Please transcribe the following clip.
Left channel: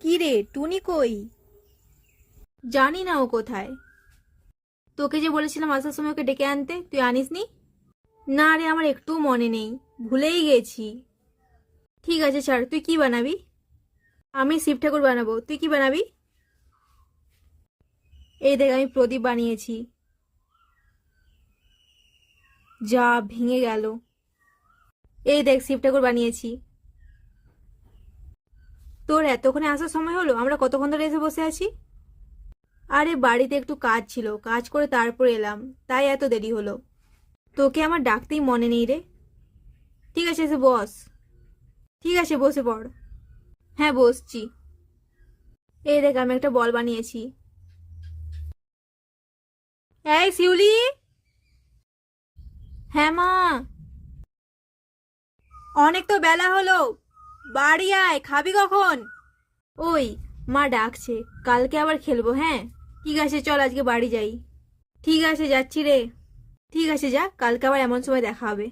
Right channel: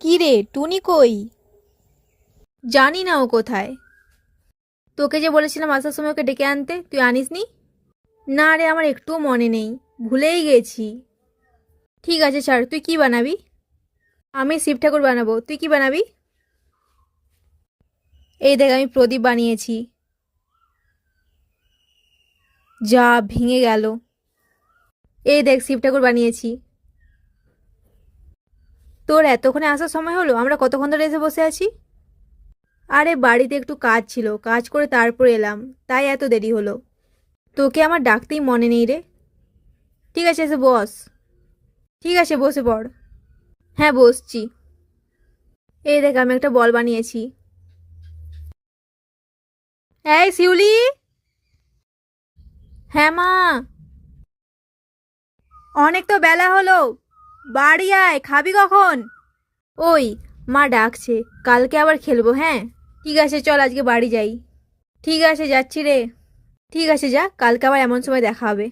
কি রে, টুনি কই? জানি না ও কোথায়। তোকে যে বলেছিলাম আসার সময় ওকে ডেকে আনতে, তুই আনিসনি? না রে, আমার একটুও মনে নেই, ভুলেই গেছি। ঠিক আছে ছাড়, তুই কি বানাবি? আমি শিব ঠাকুর বানাবো, তুই কি বানাবি? এই দেখ, আমি প্রদীপ বানিয়েছি। যা, ভেঙে গেল। এই দেখ, শিব ঠাকুর বানিয়েছি। তোর এতক্ষণে আসার সময় হলো? আমরা কতক্ষণ ধরে এসে বসে আছি। আরে বাড়িতে একটু কাজ ছিল, কাজ করে তারপর এলাম, তাই এত দেরি হলো। তোকে আমার ডাকতেই মনে নেই রে। ঠিক আছে, এসে বস। ঠিক আছে, বসে পড়। হ্যাঁ, বসছি। এই দেখ, আমি একটা বল বানিয়েছি। এই শিউলি। হ্যাঁ মা। অনেক তো বেলা হলো, বাড়ি আয়, খাবি কখন? ওই, মা ডাকছে, কালকে আবার খেলবো, হ্যাঁ। ঠিক আছে চল, আজকে বাড়ি যাই। ঠিক আছে, যাচ্ছি রে। ঠিক আছে, যা, কালকে আবার এমন সময় দেখা হবে।